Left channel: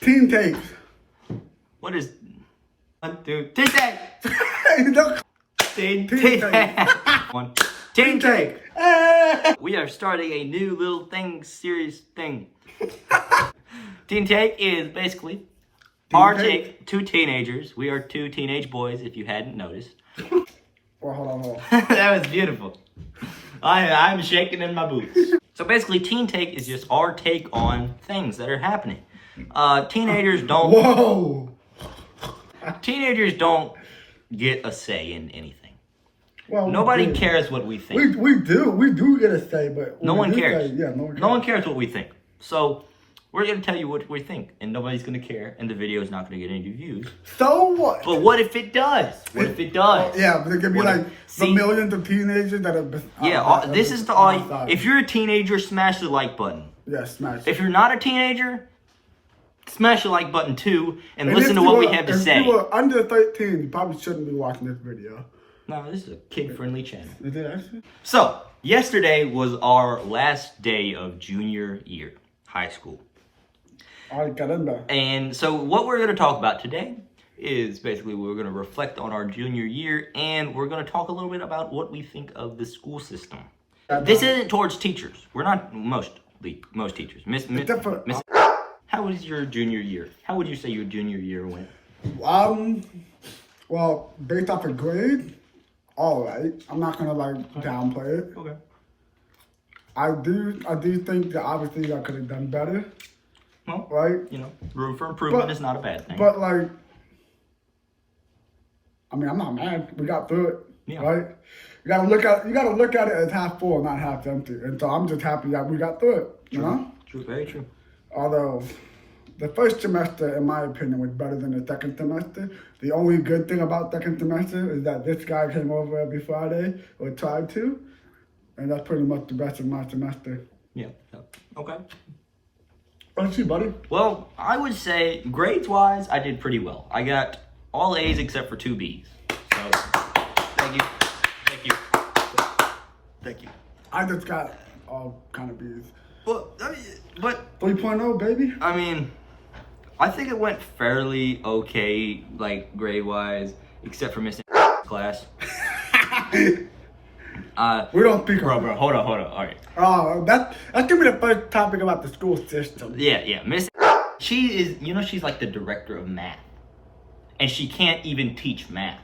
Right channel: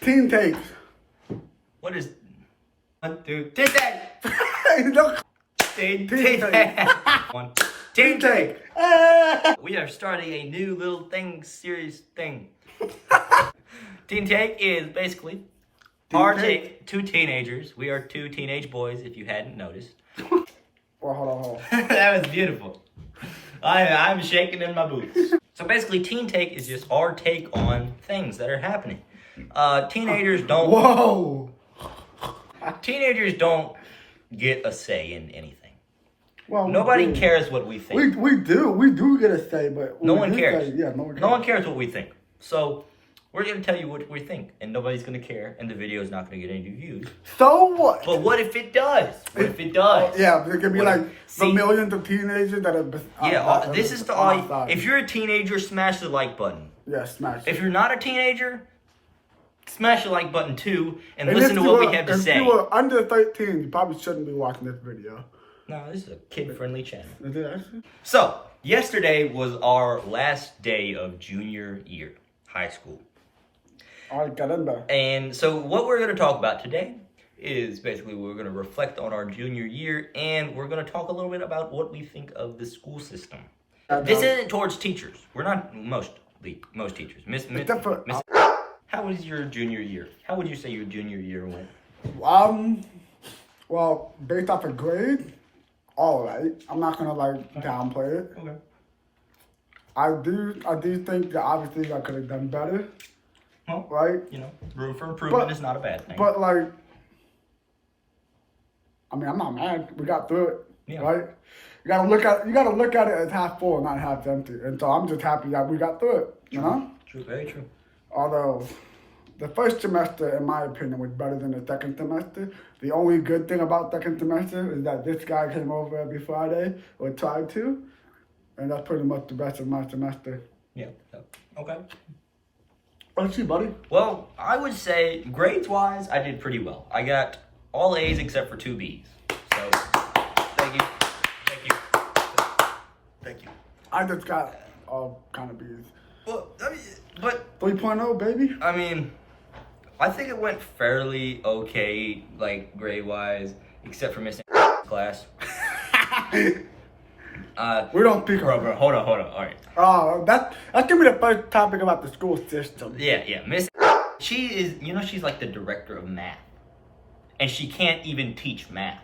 Teen takes. What is 1, 2, teen take? Teen Teen take. One. Teen take. We are starting a new little series thing. Teen take is basically our take. Two teenagers. We are two teenage boys, if you hadn't noticed. Well, hold on. That was beautiful. I'm shaking in my boots. So basically, teen take is just our take on things that are happening. Teenagers don't. Whoa. Teenagers don't get a say in anything. Well, Nobody cares what we think. We do get a say, but No one cares. No one cares what we think. So we're gonna tell you what we think, and nobody's gonna care, and the video is not gonna get any views. So what? But what if it does? What if it does? Yeah, but it could be What like if- the see? millions of teenagers that are. This is the if you're a teenager, smash the like button. Yeah, smash. If you're not a teenager, smash the like button too, and listen if to you what were- we have to say. If you were under 13, you probably shouldn't be watching this video. No, this is a kid-friendly channel. Is it actually? So, yesterday was our last day of junior year, high school. I got in there. And so what we're going to talk about today is basically we're going to reflect on our junior year, and we're going to talk a little bit about what we think of the school system. This isn't towards teachers. We're not most teachers. How was your junior year? How would you say your junior year went? Well, based off of grade, all right. I'm not gonna downplay it. Okay. I do think that obviously I could have done better. Well, right? Room for improvement is not a bad thing. But I'm not mad. We got through it. Yeah. Right? You gotta look at it as half full, not half empty. And so I'm just happy that we got through it. You know? True, very true. Although the first semester, in my opinion, was better than the second semester. The only good thing about second semester is that this guy came over every Friday, or tried to, and that's pretty much the rest of my semester. Yeah. Okay. What's you, buddy? Well, I would say grades-wise, I did pretty well. I got all A's except for 2 B's. So, thank you. I just got all kind of B's. Well, but 3.0, baby. I mean, I think it went fairly okay, grade-wise, except for missing class. We don't speak Bro, hold on, all right. That's gonna be the first topic about the school system. Yeah, Miss. She is, she's like the director of math, and she can't even teach math.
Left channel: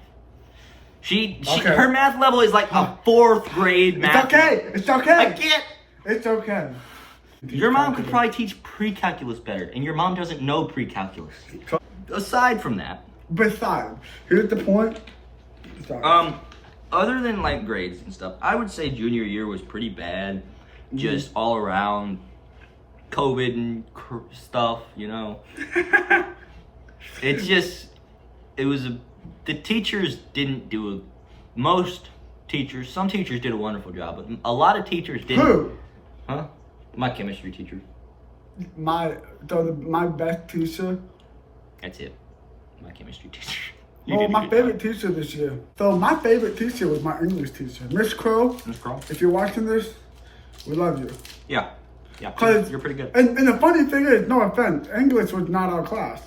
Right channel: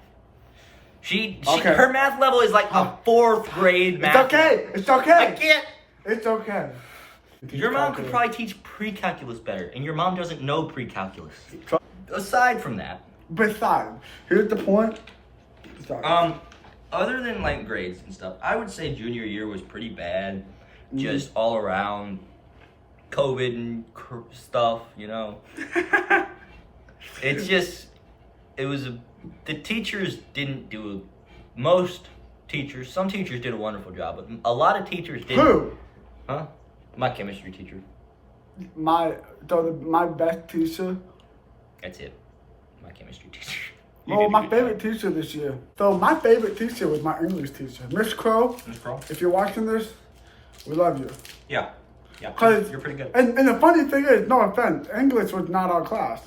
Her math level is like a 4th grade math. It's okay. I can't. It's okay. Your mom could probably teach pre-calculus better, and your mom doesn't know pre-calculus. Aside from that, Besides, here's the point. Sorry. Other than grades and stuff, I would say junior year was pretty bad, just all around COVID and stuff, the teachers didn't do some teachers did a wonderful job, but a lot of teachers didn't. Who? Huh? My chemistry teacher. My best teacher. That's it. My chemistry teacher. Well, my favorite teacher this year. So my favorite teacher was my English teacher, Miss Crow. Miss Crow. If you're watching this, we love you. Yeah. You're pretty good. And the funny thing is, no offense, English was not our class.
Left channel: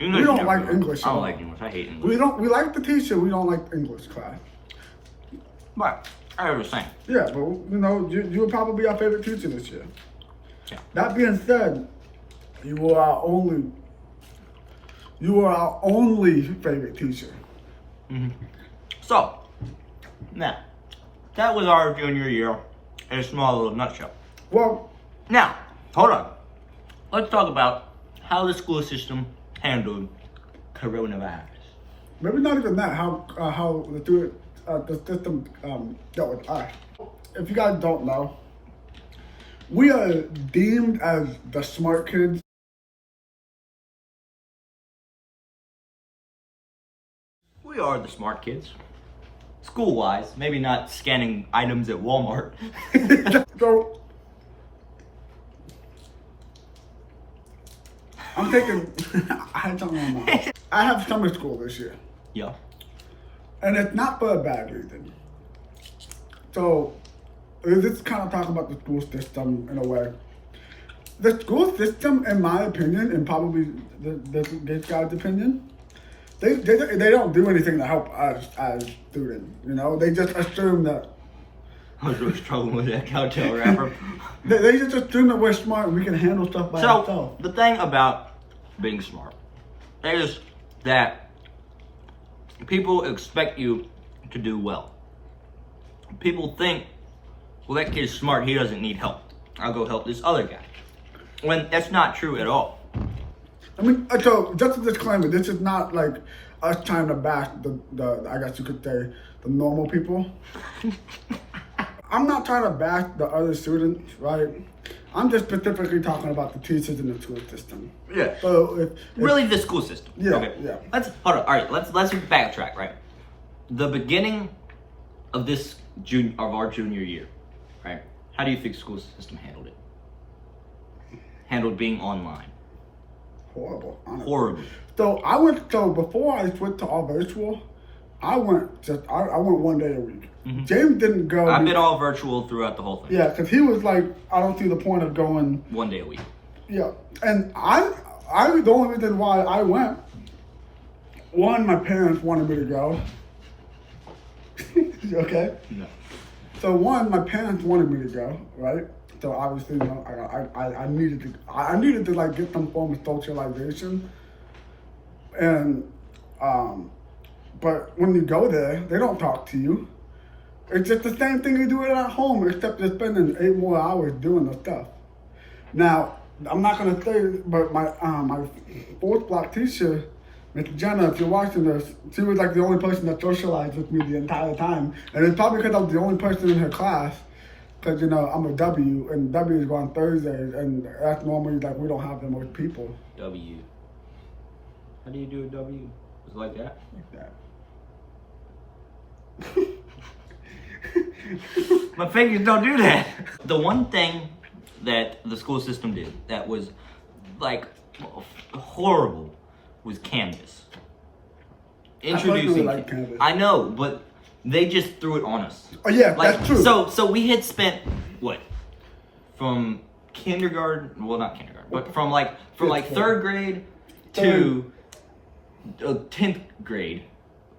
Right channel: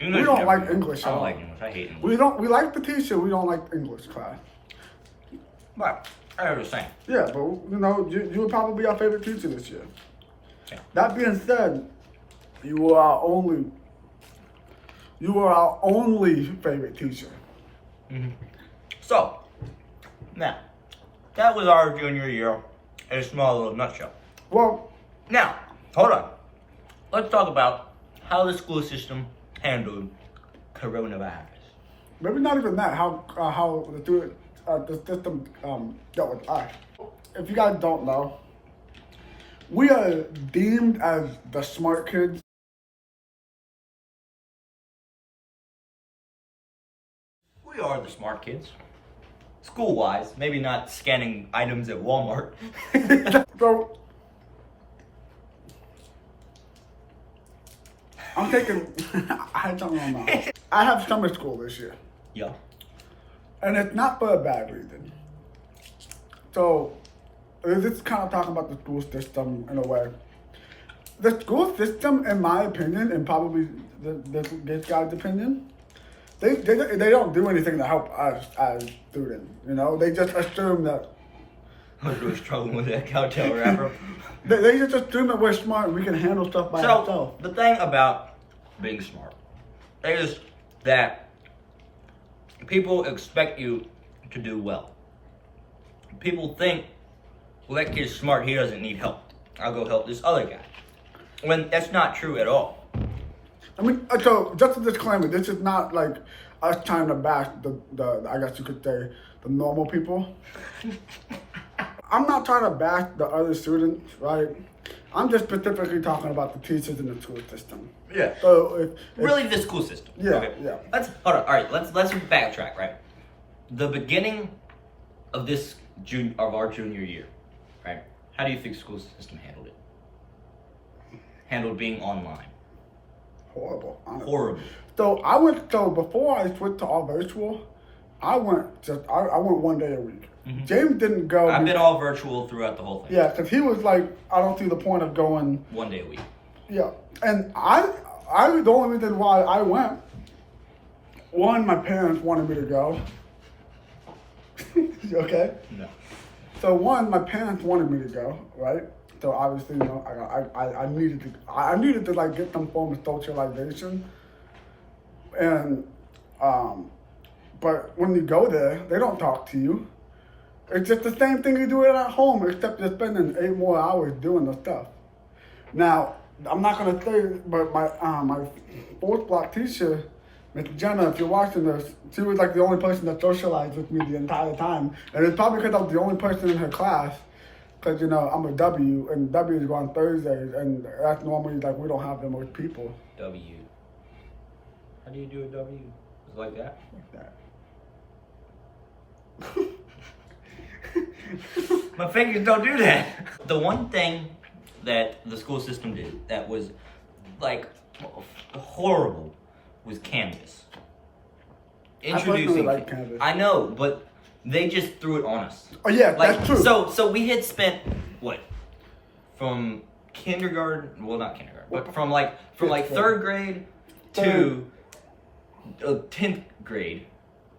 We don't like English at all. I don't like English. I hate English. We like the teacher. We don't like English class. But I was saying. Yeah, but you were probably our favorite teacher this year. Yeah. That being said, you were our only favorite teacher. Mm-hmm. So, now, that was our junior year in a small little nutshell. Well, now, hold on. Let's talk about how the school system handled coronavirus. maybe not even that. How the system dealt with us. If you guys don't know, we are deemed as the smart kids. We are the smart kids. School-wise, maybe not scanning items at Walmart. So, I'm taking, I had something on my mind. I have summer school this year. Yeah. And it's not for a bad reason. So, this is kind of talking about the school system in a way. the school system, in my opinion, and probably this guy's opinion, they don't do anything to help us as students. You know, they just assume that I was really struggling with that cowtail wrapper. they just assume that we're smart and we can handle stuff by ourselves. So the thing about being smart is that people expect you to do well. People think, well, that kid's smart, he doesn't need help. I'll go help this other guy. When that's not true at all. I mean, so just a disclaimer, this is not like us trying to bash the I guess you could say, the normal people. I'm not trying to bash the other students, right? I'm just specifically talking about the teachers in the school system. Yeah. So if Really, the school system. Yeah, Okay. yeah. Let's hold on. All right. Let's backtrack. Right. The beginning of our junior year, right? How do you think the school system handled it? Handled being online. horrible, honestly. Horrible. So before I switched to all virtual, I went one day a week. Mm-hmm. James didn't go. I've been all virtual throughout the whole thing. Yeah, because he was like, I don't see the point of going. One day a week. Yeah, and I the only reason why I went. One, my parents wanted me to go. Okay. No. So one, my parents wanted me to go, right? So obviously, you know, I needed to like get some form of socialization, and but when you go there, they don't talk to you. It's just the same thing you do at home, except you're spending 8 more hours doing the stuff. Now, I'm not gonna say, but my fourth block teacher, Miss Jenna, if you're watching this, she was like the only person that socialized with me the entire time, and it's probably because I was the only person in her class. Because, you know, I'm a W, and W's go on Thursdays, and that's normally, like, we don't have the most people. W. How do you do a W? Is it like that? Like that. My fingers don't do that. The one thing that the school system did that was, like, horrible was Canvas. Introducing like Canvas. I know, but they just threw it on us. Oh, yeah, Like, that's true. So we had spent what, from kindergarten? Well, not kindergarten, but from third grade to 10th grade.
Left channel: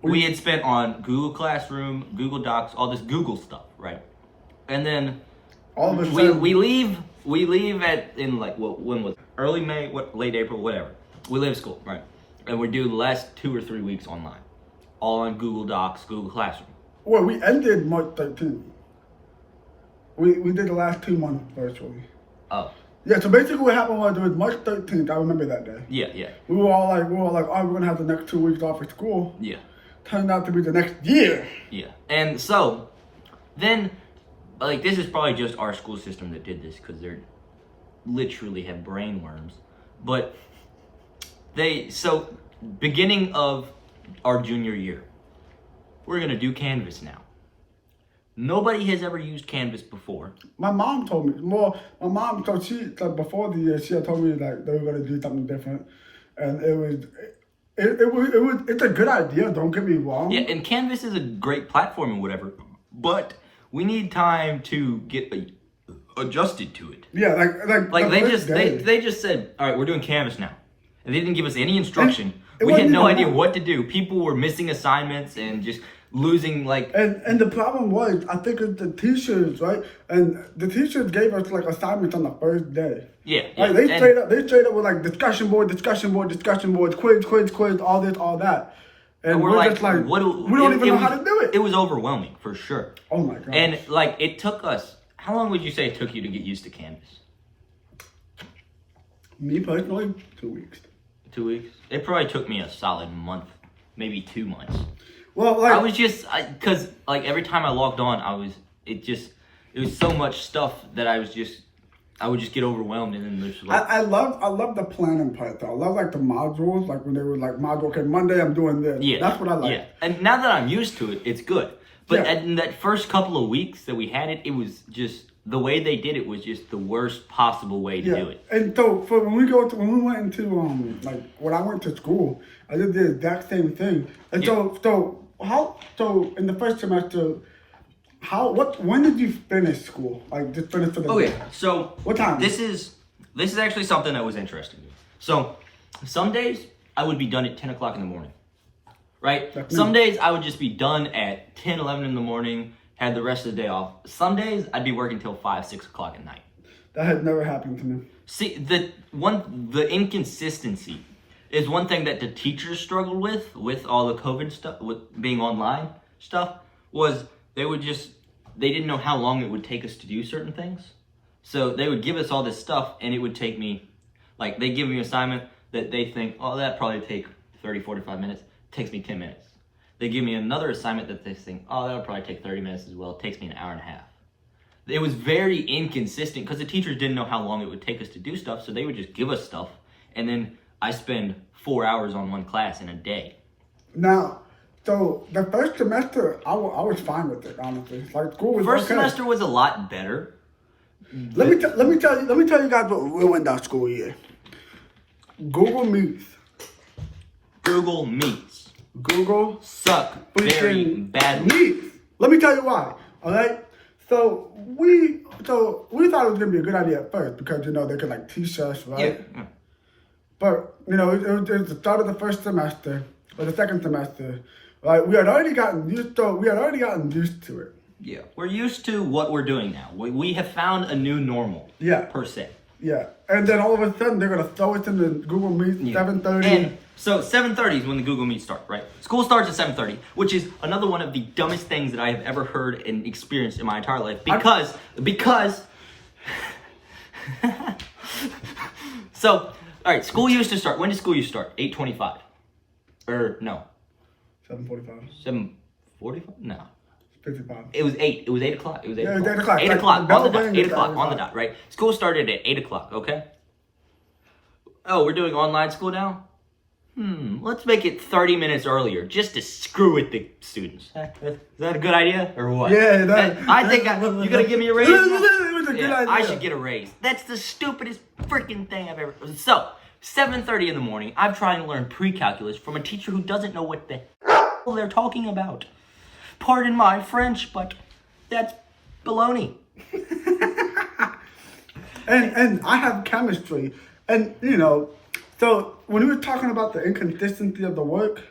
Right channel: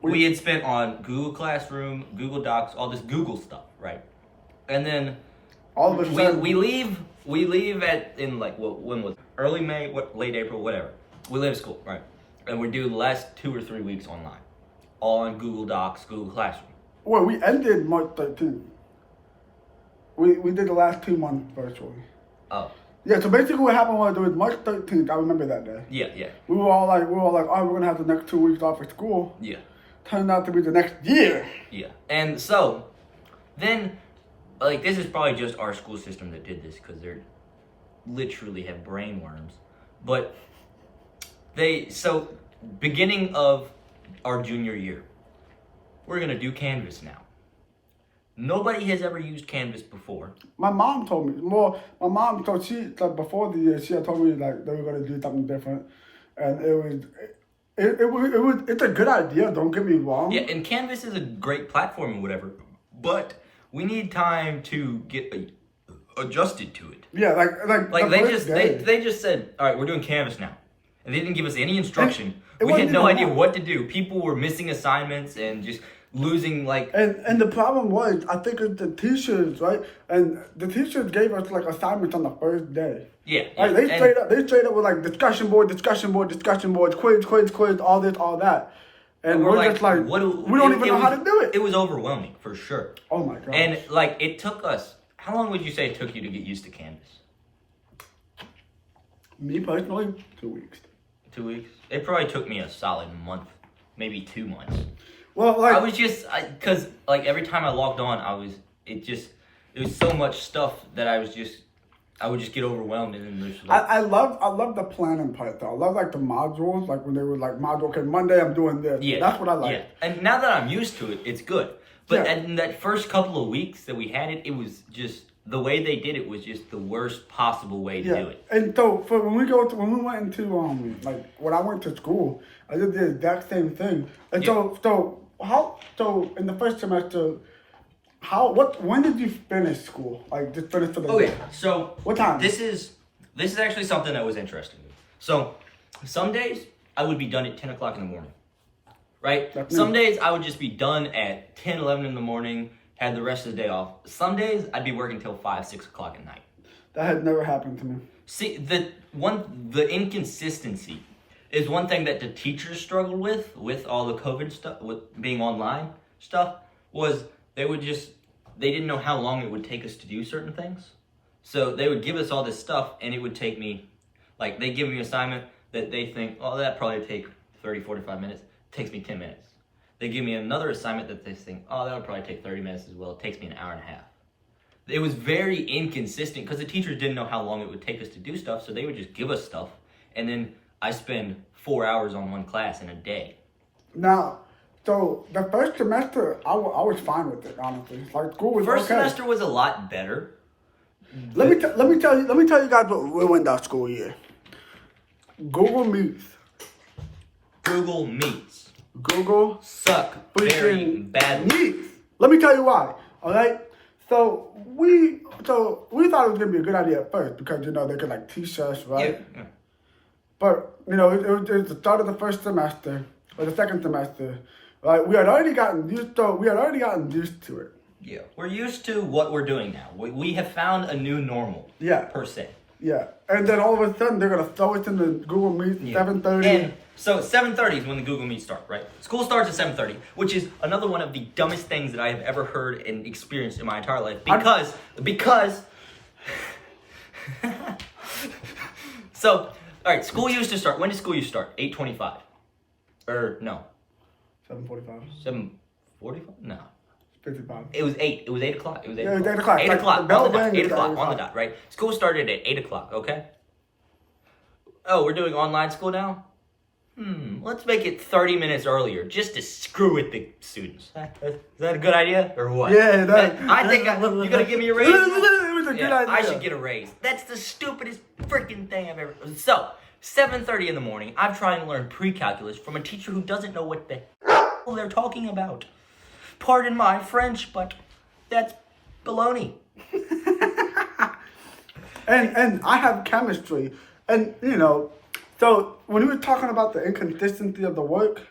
We had spent on Google Classroom, Google Docs, all this Google stuff, right? And then all of a sudden, we leave in like when was it? Early May, late April, whatever. We leave school, right? And we do the last 2 or 3 weeks online, all on Google Docs, Google Classroom. well, we ended March 13th. We did the last 2 months virtually. Oh. Yeah, so basically what happened was it was March 13th. I remember that day. Yeah. We were all like, oh, we're gonna have the next 2 weeks off of school. Yeah. Turned out to be the next year. Yeah. And so then, like, this is probably just our school system that did this because they're literally have brain worms. But beginning of our junior year, we're gonna do Canvas now. Nobody has ever used Canvas before. My mom told me. Well, my mom, so she, like, before the year, she had told me like they were gonna do something different, and it's a good idea. Don't get me wrong. Yeah, and Canvas is a great platform and whatever, but we need time to get adjusted to it. Yeah, Like the they first day. just said, all right, we're doing Canvas now, and they didn't give us any instruction. It We had wasn't no even idea that. what to do. People were missing assignments and just losing like. And the problem was, I think it's the teachers, right? And the teachers gave us like assignments on the first day. Yeah. Like, they straight up were like discussion board, quiz, all this, all that. And we're like, just like, we don't even know how to do it. It was overwhelming for sure. Oh my god. And like it took us. How long would you say it took you to get used to Canvas? Me personally, 2 weeks. 2 weeks? It probably took me a solid month, maybe 2 months. Well, like I was just, cause like every time I logged on, it was so much stuff that I would just get overwhelmed and then there's like. I love the planning part though. I love like the modules, like when they were like okay, Monday I'm doing this. Yeah. That's what I like. Yeah. And now that I'm used to it, it's good. But Yeah. in that first couple of weeks that we had it, it was just, the way they did it was just the worst possible way to do it. And so for when we went into like when I went to school, I did the exact same thing. And so in the first semester, when did you finish school? Like just finish for the Okay, day? so What time? This is this is actually something that was interesting to me. So, some days I would be done at 10 o'clock in the morning, right? Some days I would just be done at 10, 11 in the morning, had the rest of the day off. Some days I'd be working till 5, 6 o'clock at night. That had never happened to me. See, the inconsistency is one thing that the teachers struggled with all the COVID stuff, with being online stuff, was they didn't know how long it would take us to do certain things. So they would give us all this stuff, and it would take me, like, they give me an assignment that they think, oh, that probably take 30, 45 minutes. It takes me 10 minutes. They give me another assignment that they think, oh, that'll probably take 30 minutes as well. It takes me an hour and a half. It was very inconsistent because the teachers didn't know how long it would take us to do stuff, so they would just give us stuff, and then I spend 4 hours on one class in a day. Now, so the first semester, I was fine with it, honestly. Like, school was First okay. semester was a lot better. Let me tell you guys what ruined that school year. Google Meets. Google Meets Google suck very badly. Meets. Let me tell you why. All right. So we thought it was gonna be a good idea at first because they could like teach us, right? Yeah. But it was the start of the first semester or the second semester, right? We had already gotten used to it. Yeah, we're used to what we're doing now. We have found a new normal. Yeah. Per se. Yeah, and then all of a sudden they're gonna throw us in the Google Meet 7:30. And so 7:30 is when the Google Meet start, right? School starts at 7:30, which is another one of the dumbest things that I have ever heard and experienced in my entire life. Because so, all right, school used to start. When did school used to start? 8:25, or no? 7:45. 7:45? No. 55. It was 8. It was 8 o'clock. It was 8 Yeah, o'clock. 8 o'clock. 8 Like, o'clock the on the bell dot. rang 8 at o'clock 8 on the dot, right? School started at 8 o'clock, okay? Oh, we're doing online school now? Let's make it 30 minutes earlier just to screw with the students. Is that a good idea or what? Yeah, I think you're going to give me a raise? It was a good idea. I should get a raise. That's the stupidest freaking thing I've ever... So, 7:30 in the morning, I'm trying to learn pre-calculus from a teacher who doesn't know what the hell they're talking about. Pardon my French, but that's baloney. And I have chemistry, and so when we were talking about the inconsistency of the work,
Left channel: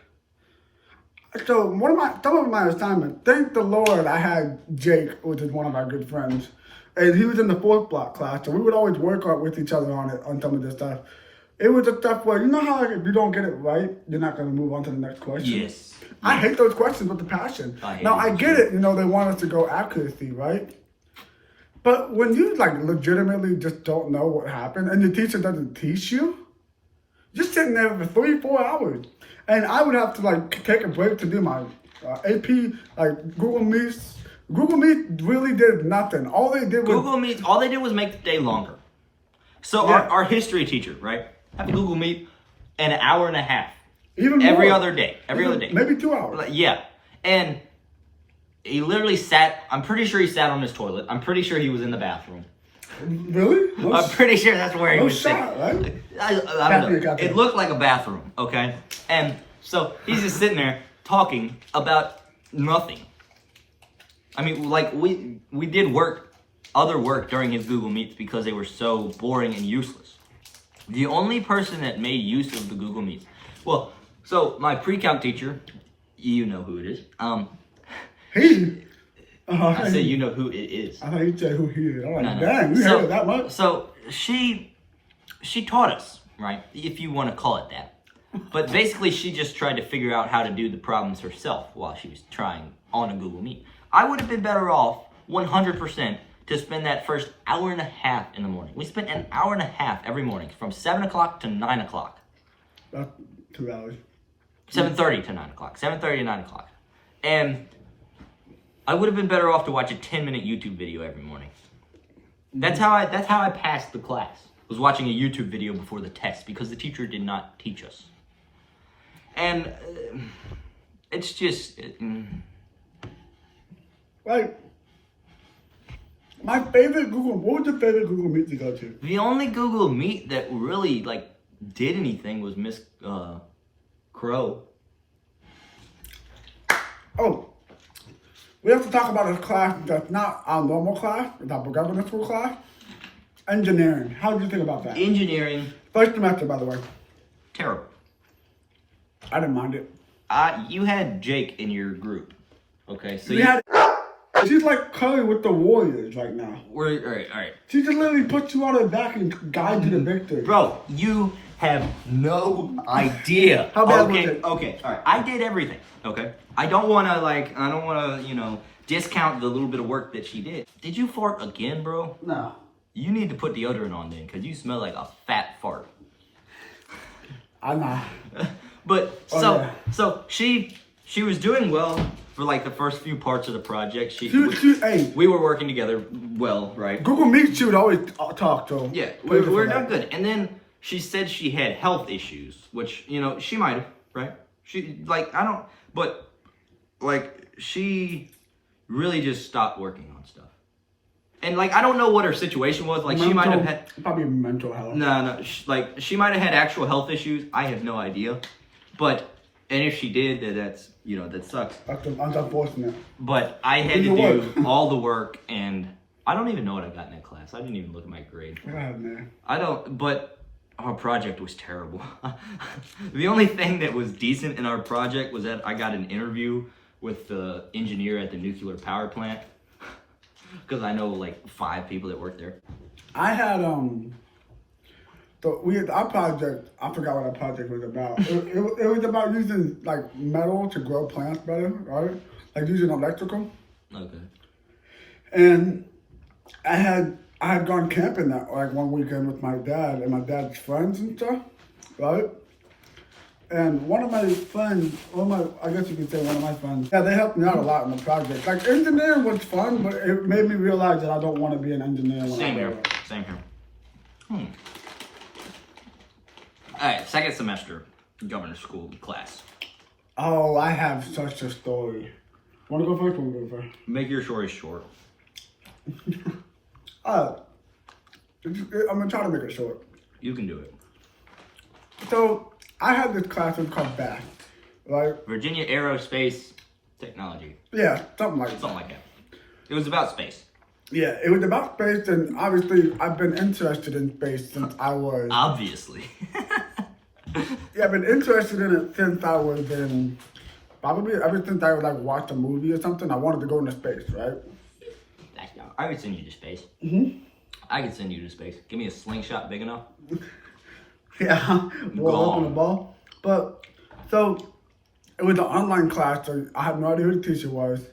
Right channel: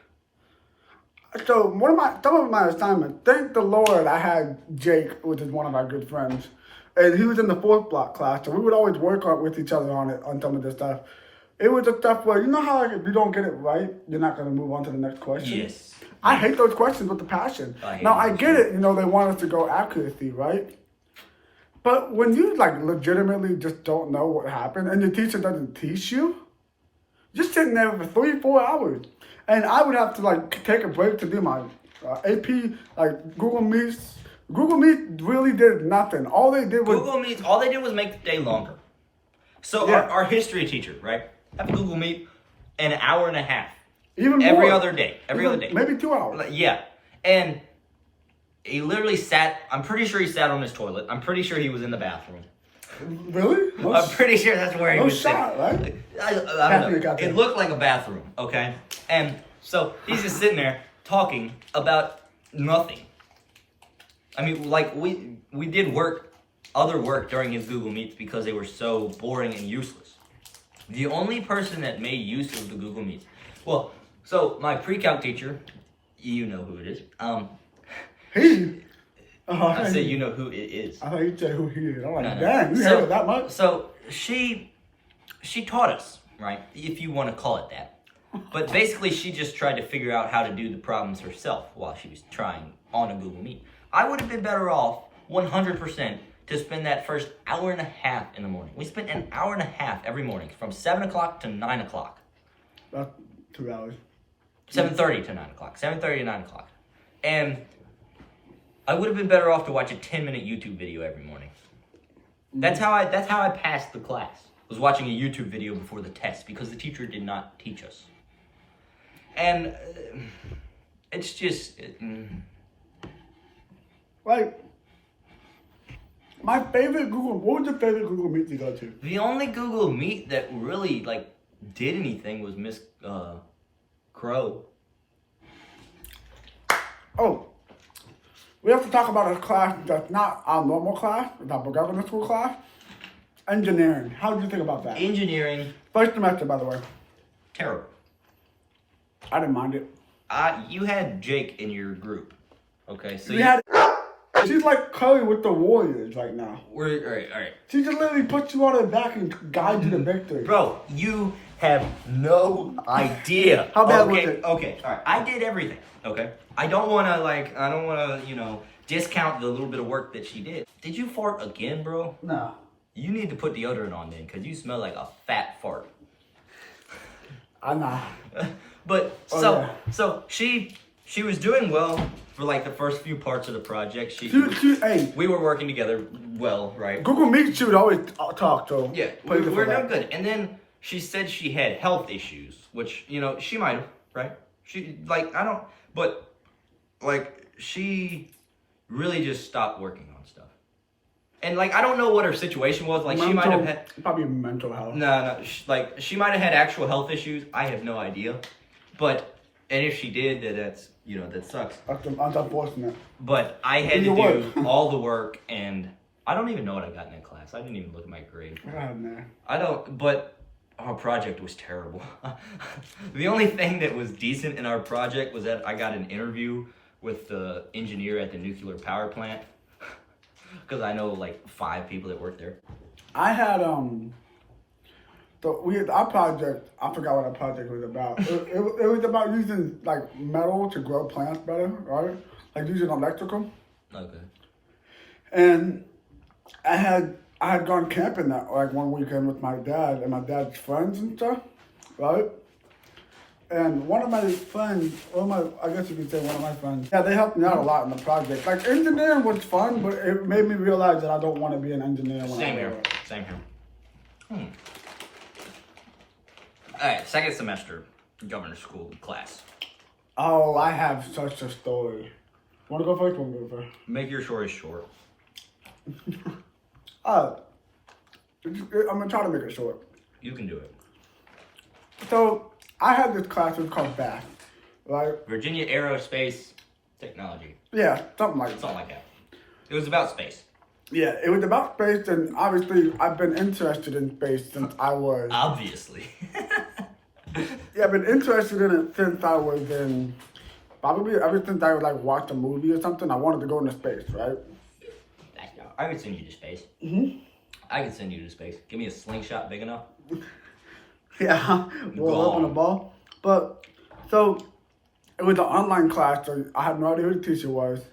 so some of my assignments, thank the Lord I had Jake, which is one of our good friends, and he was in the 4th block class, so we would always work with each other on some of this stuff. It was the stuff where, how like, if you don't get it right, you're not going to move on to the next question. Yes. I hate those questions with the passion. I get it, they want us to go accuracy, right? But when you like legitimately just don't know what happened and the teacher doesn't teach you, just sitting there for 3-4 hours. And I would have to like take a break to do my AP, like Google Meets. Google Meet really did nothing. All they did was make the day longer. So our history teacher, right, have Google Meet an hour and a half. Even every more. other day. Maybe 2 hours. Yeah. And he literally I'm pretty sure he sat on his toilet. I'm pretty sure he was in the bathroom. Really? I'm pretty sure that's where he was sitting. Right? I don't know. It looked like a bathroom, okay? And so he's just sitting there talking about nothing. I mean, like, we did other work during his Google Meets because they were so boring and useless. The only person that made use of the Google Meets, so my pre-calc teacher, you know who it is. I said you know who it is. I thought you said who he is. I'm like, No. dang, you heard it that much? So she taught us, right? If you want to call it that. But basically, she just tried to figure out how to do the problems herself while she was trying on a Google Meet. I would have been better off 100% to spend that first hour and a half in the morning. We spent an hour and a half every morning from 7 o'clock to 9 o'clock. About 2 hours. 7:30 to 9 o'clock. 7:30 to 9 o'clock. And I would have been better off to watch a 10-minute YouTube video every morning. That's how I passed the class. Was watching a YouTube video before the test because the teacher did not teach us. And it's just like my favorite Google. What was your favorite Google Meet to go to? The only Google Meet that really like did anything was Miss Crow. Oh, we have to talk about a class that's not our normal class, it's our governance school class. Engineering. How did you think about that? Engineering, First semester, by the way. terrible. I didn't mind it. You had Jake in your group. Okay, so We had. She's like Curry with the Warriors right now. we're all right. She just literally puts you on her back and guides you to victory. Bro, you have no idea. How bad okay, was it? Okay, all right. I did everything. Okay, I don't want to discount the little bit of work that she did. Did you fart again, bro? No. You need to put deodorant on then, cause you smell like a fat fart. I know. But Oh, yeah. so she was doing well for like the first few parts of the project. Hey, We were working together well, right? Google Meet, she would always talk to. Yeah, Praise her we're for not that. good. And then she said she had health issues, which, she might have, right? She, she really just stopped working on stuff. And, I don't know what her situation was. She might have had... Probably mental health. No, she might have had actual health issues. I have no idea. And if she did, that sucks. That's unfortunate. But I had to Either do all the work, and I don't even know what I got in that class. I didn't even look at my grade. What happened there? I don't, but our project was terrible. The only thing that was decent in our project was that I got an interview with the engineer at the nuclear power plant. Because I know 5 people that work there. I had our project. I forgot what our project was about. it was about using metal to grow plants better, right? Using electrical. Okay. And I had gone camping that one weekend with my dad and my dad's friends and stuff, right? And one of my friends, I guess you could say one of my friends, yeah, they helped me out a lot in the project. Engineering was fun, but it made me realize that I don't want to be an engineer. Same here. All right, second semester, governor's school class. Oh, I have such a story. Want to go first? Want to go first? Make your story short. I'm gonna try to make it short. You can do it. So I had this class. It's called BATH, right? Virginia Aerospace Technology. Yeah, something like that. Something like that. It was about space. Yeah, it was about space, and obviously I've been interested in space since I was. Obviously. Yeah, I've been interested in it since I was in. Probably ever since I watched a movie or something, I wanted to go into space, right? I could send you to space. Mm-hmm. I could send you to space. Give me a slingshot big enough. Yeah, roll up in a ball. But so it was an online class, so I have no idea who the teacher was.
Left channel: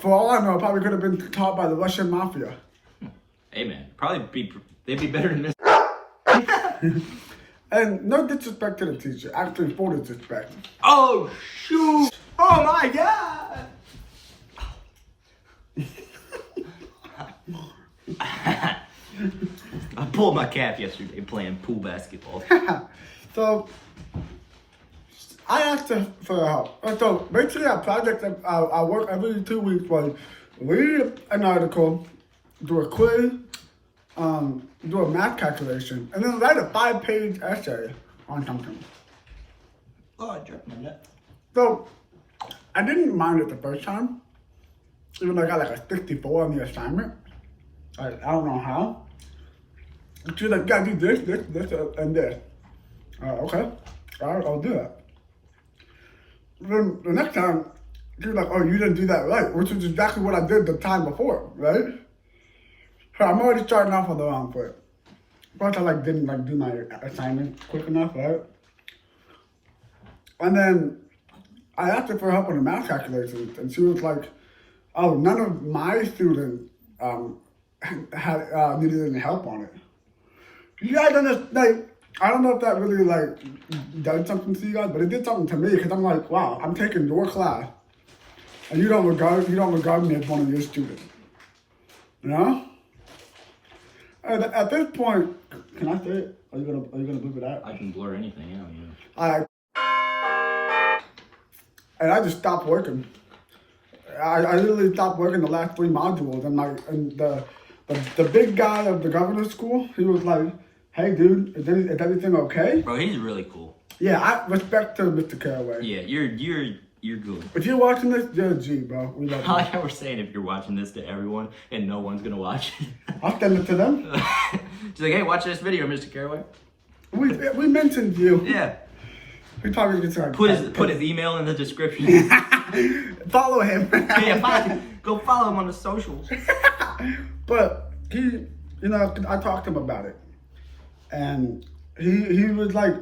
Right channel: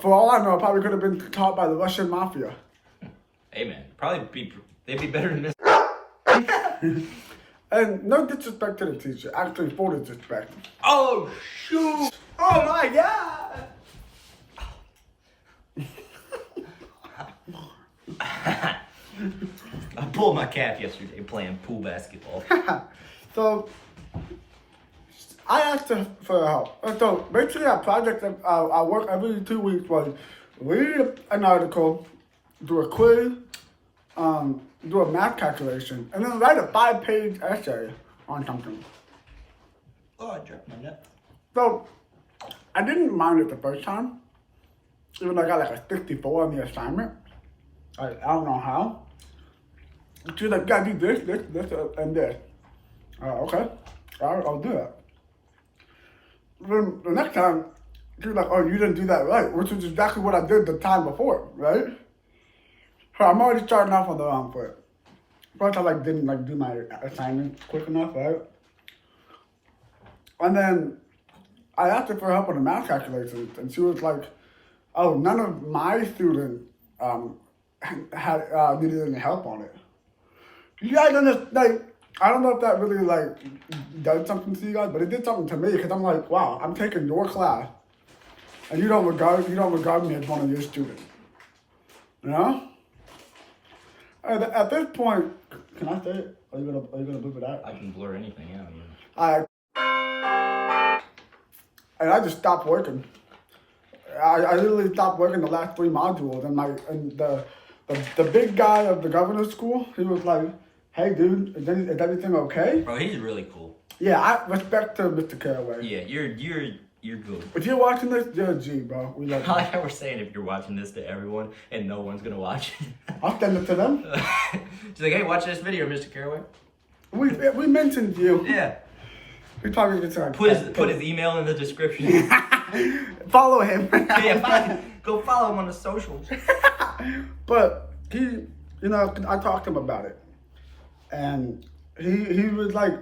For all I know, it probably could have been taught by the Russian mafia. Hey man, they'd be better than this. And no disrespect to the teacher, actually full disrespect. Oh shoot! Oh my god! I pulled my calf yesterday playing pool basketball. So I asked her for help. And so basically our project that I work every 2 weeks was read an article, do a quiz, do a math calculation, and then write a 5-page essay on something. Oh, I jerked my nut. So I didn't mind it the first time, even though I got a 64 on the assignment. I don't know how. She was like, "Yeah, do this, and this." Okay. All right, I'll do that. Then the next time, she was like, "Oh, you didn't do that right," which is exactly what I did the time before, right? So I'm already starting off on the wrong foot. Plus, I didn't do my assignment quick enough, right? And then I asked her for help on the math calculations, and she was like, "Oh, none of my students had needed any help on it." You guys understand? I don't know if that really done something to you guys, but it did something to me because I'm like, wow, I'm taking your class, and you don't regard me as one of your students. You know? And at this point, can I say it? Are you gonna bleep it out? I can blur anything out, yeah. And I just stopped working. I literally stopped working the last 3 modules, and the big guy of the governor's school, he was like, "Hey, dude, is everything okay?" Bro, he's really cool. Yeah, I respect to Mr. Caraway. Yeah, you're You're good. If you're watching this, you're a G, bro. We love I you. like how we're saying if you're watching this to everyone and no one's gonna watch I'll send it to them. it. She's like, hey, watch this video, Mr. Caraway. We mentioned you. Yeah. We probably get started. Put his email in the description. Follow him. Go follow him on the socials. But he, I talked to him about it, and he was like,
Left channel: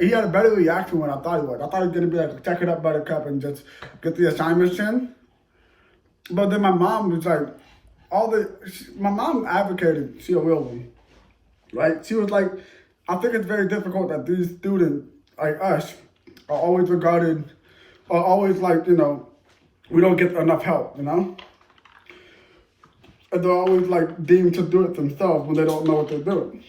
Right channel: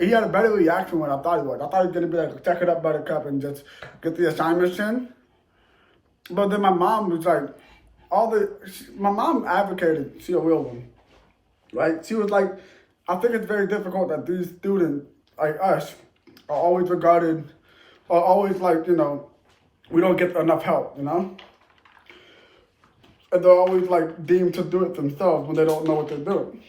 he had a better reaction than I thought he would. I thought he was gonna be like, check it up, Buttercup, and just get the assignments in. But then my mom was like, my mom advocated Sia Wilson, right? She was like, I think it's very difficult that these students like us are always regarded, are always like, we don't get enough help, And they're always like deemed to do it themselves when they don't know what they're doing,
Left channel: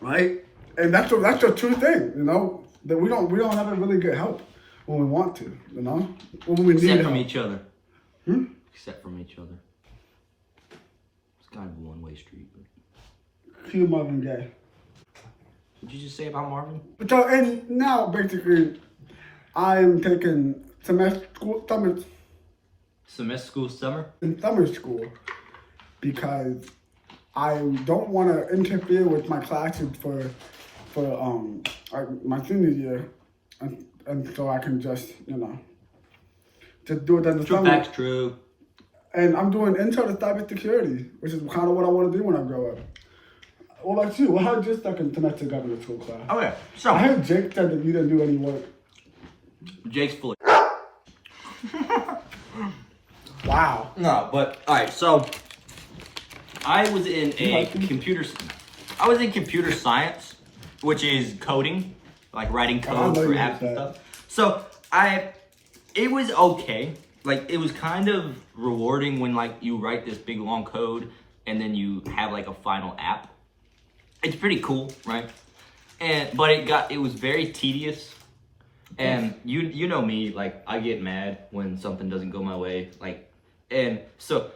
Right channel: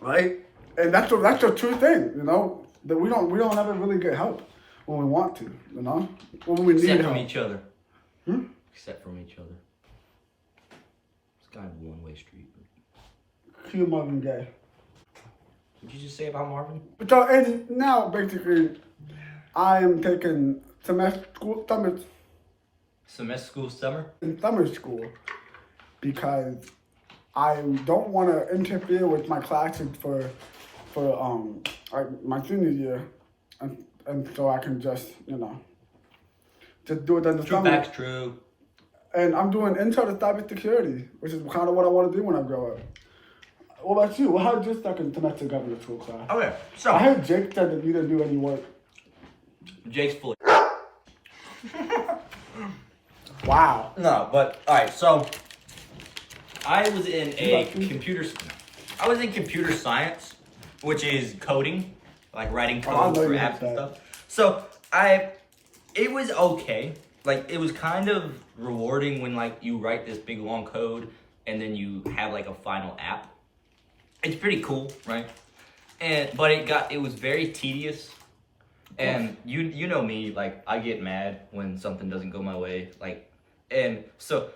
right? And that's a true thing, that we don't ever really get help when we want to, when we need Except from help. each other. Except from each other. It's kind of a one-way street. But... Cue Marvin Gaye. What'd you just say about Marvin? So, and now basically, I am taking summer school because I don't want to interfere with my classes for my senior year, and so I can just just do it in the True summer. facts, true. And I'm doing intro to cybersecurity, which is kind of what I want to do when I grow up. What about you? How did your second semester government school class? Okay, I so heard Jake said that you didn't do any work. Jake's fully. Wow. No, but all right. So I was in I was in computer science, which is coding, like writing code for apps and stuff. So it was okay. Like it was kind of rewarding when like you write this big long code and then you have like a final app. It's pretty cool, right? But it was very tedious. And you know me, like I get mad when something doesn't go my way, and so,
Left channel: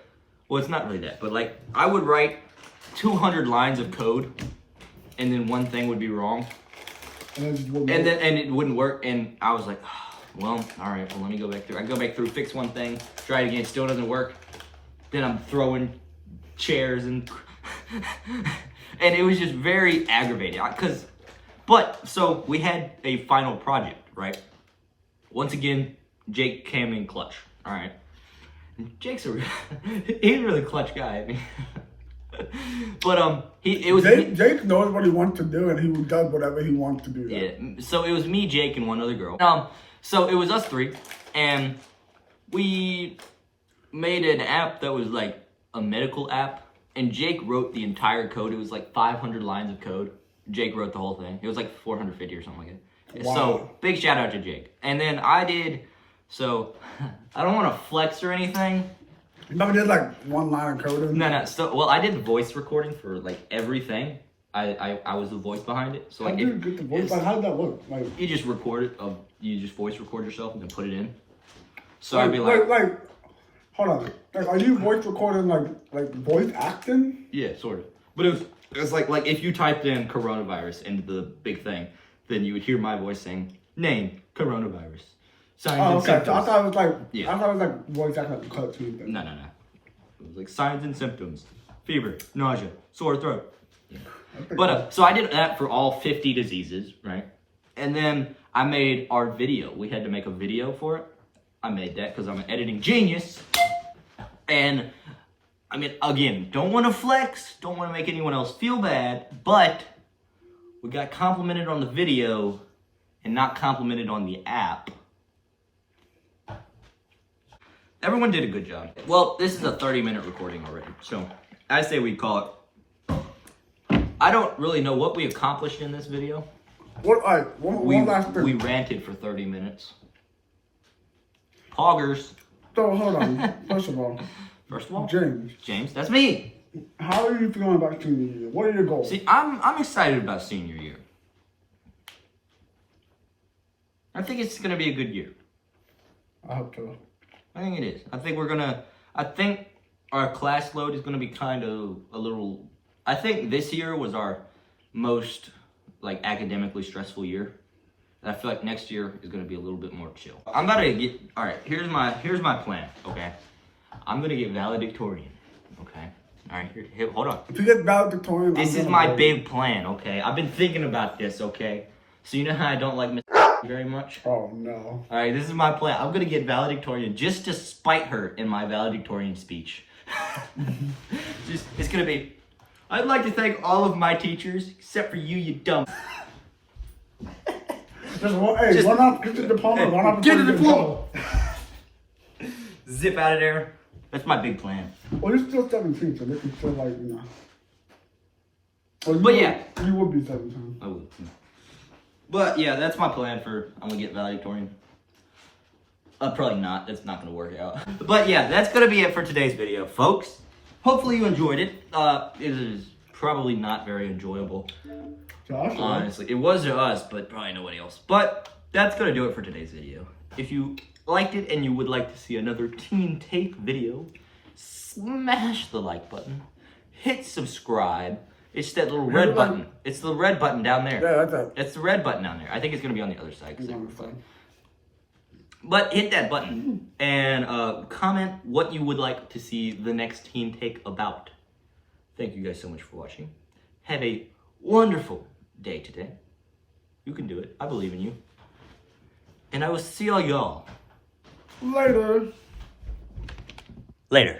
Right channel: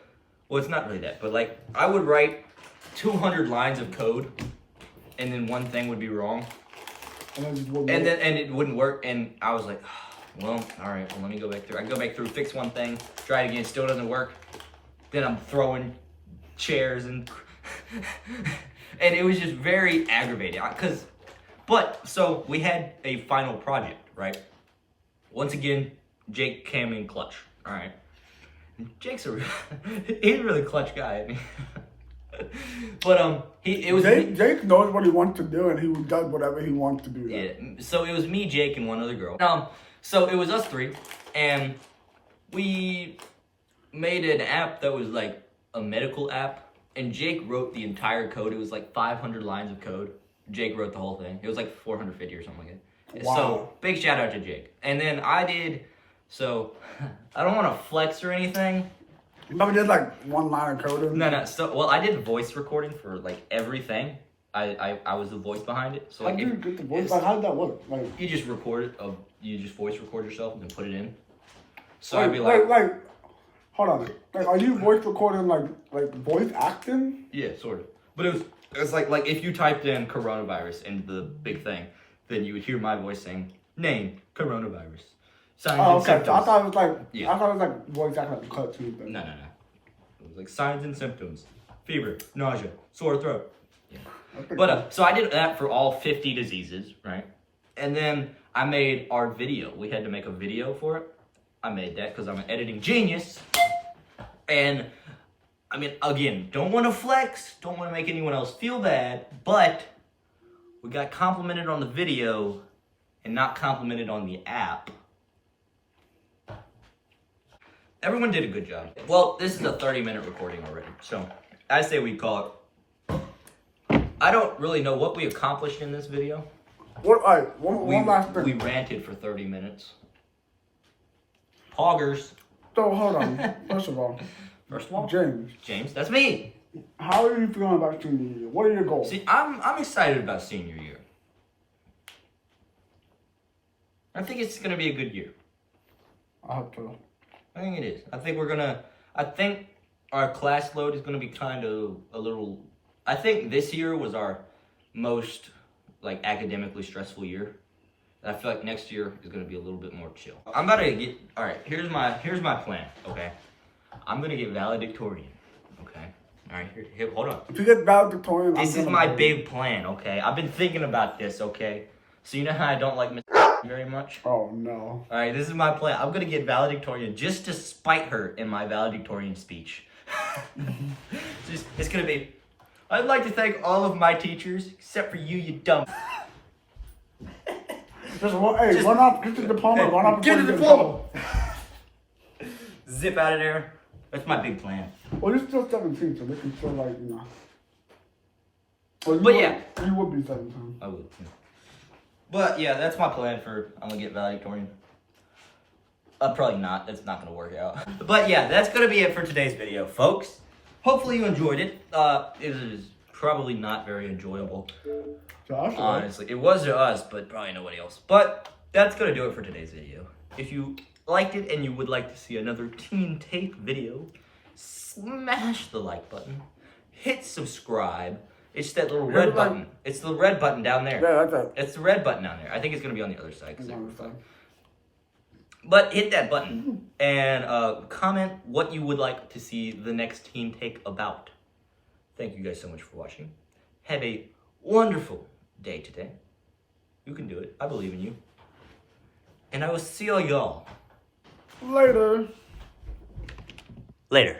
well, it's not really that, but like I would write 200 lines of code, and then one thing would be wrong, and it wouldn't work, and I was like, well, all right, well let me go back through. I go back through, fix one thing, try it again, still doesn't work. Then I'm throwing chairs and and it was just very aggravating But so we had a final project, right? Once again, Jake came in clutch. All right, Jake's he's a really clutch guy. I mean. But Jake knows what he wants to do, and he does whatever he wants to do. Yeah. So it was me, Jake, and one other girl. So it was us three, and we made an app that was like a medical app, and Jake wrote the entire code. It was like 500 lines of code. Jake wrote the whole thing. It was like 450 or something like that. Wow. So big shout out to Jake. And then I did. So I don't want to flex or anything. You never did like one line of code? No. So well, I did voice recording for like everything. I was the voice behind it. So like, how do you get the voice? Like, how did that work? Like, you just record it. You just voice record yourself and then put it in. So like, I'd be like, hold on. Like, are you voice recording like voice acting? Yeah, sort of. But it was like if you typed in coronavirus into the big thing, then you would hear my voice saying name coronavirus. Signs and symptoms. So I thought it was like Yeah. I thought it was like voice acting like a cartoon thing. No. It was like signs and symptoms: fever, nausea, sore throat. Yeah. But so I did that for all 50 diseases, right? And then I made our video. We had to make a video for it. I made that because I'm an editing genius. And I mean, again, don't want to flex, don't want to make anyone else feel bad, but we got complimented on the video and not complimented on the app. Everyone did a good job. Well, this is a 30-minute recording already, so I say we call it. I don't really know what we accomplished in this video. One last thing. We ranted for 30 minutes. Poggers. So hold on. First of all, James, that's me. how are you feeling about senior year? What are your goals? See, I'm excited about senior year. I think it's gonna be a good year. I hope so. I think it is. I think our class load is gonna be kind of a little. I think this year was our most like academically stressful year. And I feel like next year is gonna be a little bit more chill. I'm about to get, all right, here's my plan, okay? I'm gonna get valedictorian, okay? All right, here, hold on. If you get valedictorian, This is my big plan, okay? I've been thinking about this, okay? So you know how I don't like Miss very much? Oh, no. All right, this is my plan. I'm gonna get valedictorian just to spite her in my valedictorian speech. It's gonna be, I'd like to thank all of my teachers, except for you, you dumb. Hey, run off, get the diploma, run off. Get the diploma. Zip out of there. That's my big plan. Well, you're still 17, so they can still, like, you know. Well, But yeah. You would be 17. I would. Yeah. But yeah, that's my plan for, I'm gonna get valedictorian. Probably not. It's not gonna work out. But yeah, that's gonna be it for today's video, folks. Hopefully you enjoyed it. It is probably not very enjoyable. Josh, Honestly, it was to us, but probably nobody else. But that's gonna do it for today's video. If you liked it and you would like to see another Teen Take video, smash the like button, hit subscribe. It's that little red button. It's the red button down there. Yeah, that's it. It's the red button down there. I think it's gonna be on the other side. But hit that button and comment what you would like to see the next Teen Take about. Thank you guys so much for watching. Have a wonderful day today. You can do it. I believe in you. And I will see all y'all Later. later.